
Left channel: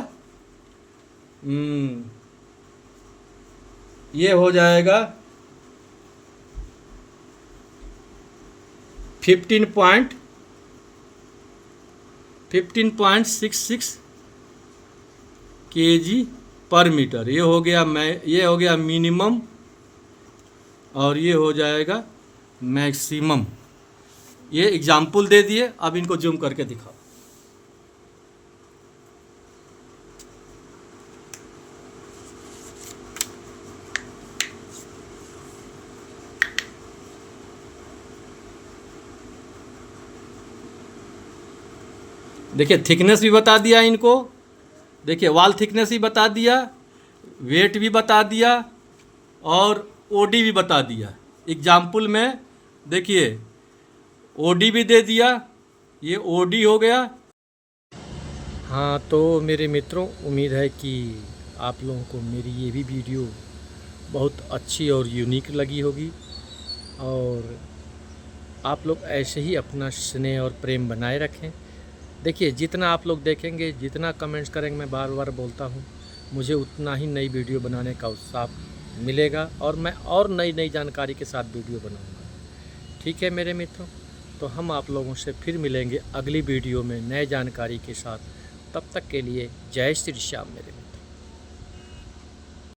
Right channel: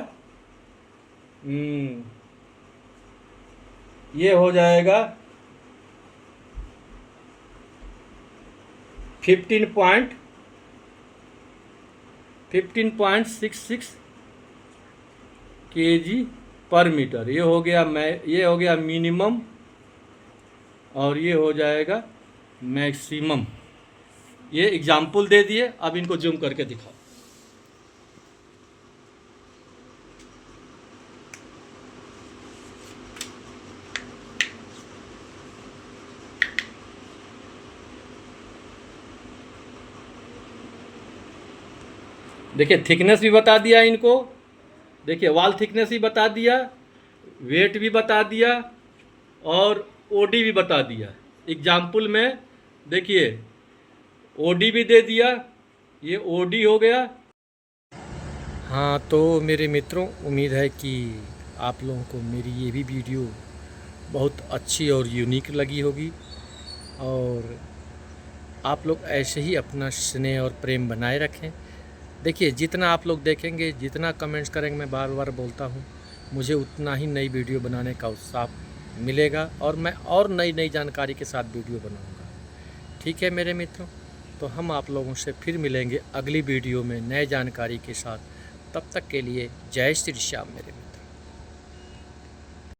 15.66 केजी पर मीटर। ये हो गया मिनिमम, और ये हो जाएगा मैक्सिमम। ये एग्जाम्पल दे दिए, अब इनको जूम करके दिखाओ। देखिए थिकनेस भी बता दिया इनको, देखिए वाल थिकनेस भी बता दिया, वेट भी बता दिया, और ओडी भी बता दिया। एग्जाम्पल में देखिए ओडी भी दे दिया, ये ओडी हो गया। हाँ तो मेरे मित्रों, उम्मीद है कि आप लोगों को मेरी ये भी वीडियो बहुत अच्छी और यूनिक लगी होगी, और आप लोग ऐसे ही अपना स्नेह और प्रेम बनाए रखें। देखिए जितना आप लोग देखेंगे, जितना कमेंट्स करेंगे, मैं बार बार बोलता हूँ, मुझे उतना ही नई वीडियो बनाने का उत्साह मिलेगा, और मैं और नई जानकारी के साथ वीडियो बनाऊँगा। ठीक है मेरे मित्रों, तो हम आप लोगों से फिर मिलेंगे अगली वीडियो में नए जानकारी के साथ। तब तक के लिए जय श्री श्याम मेरे मित्र।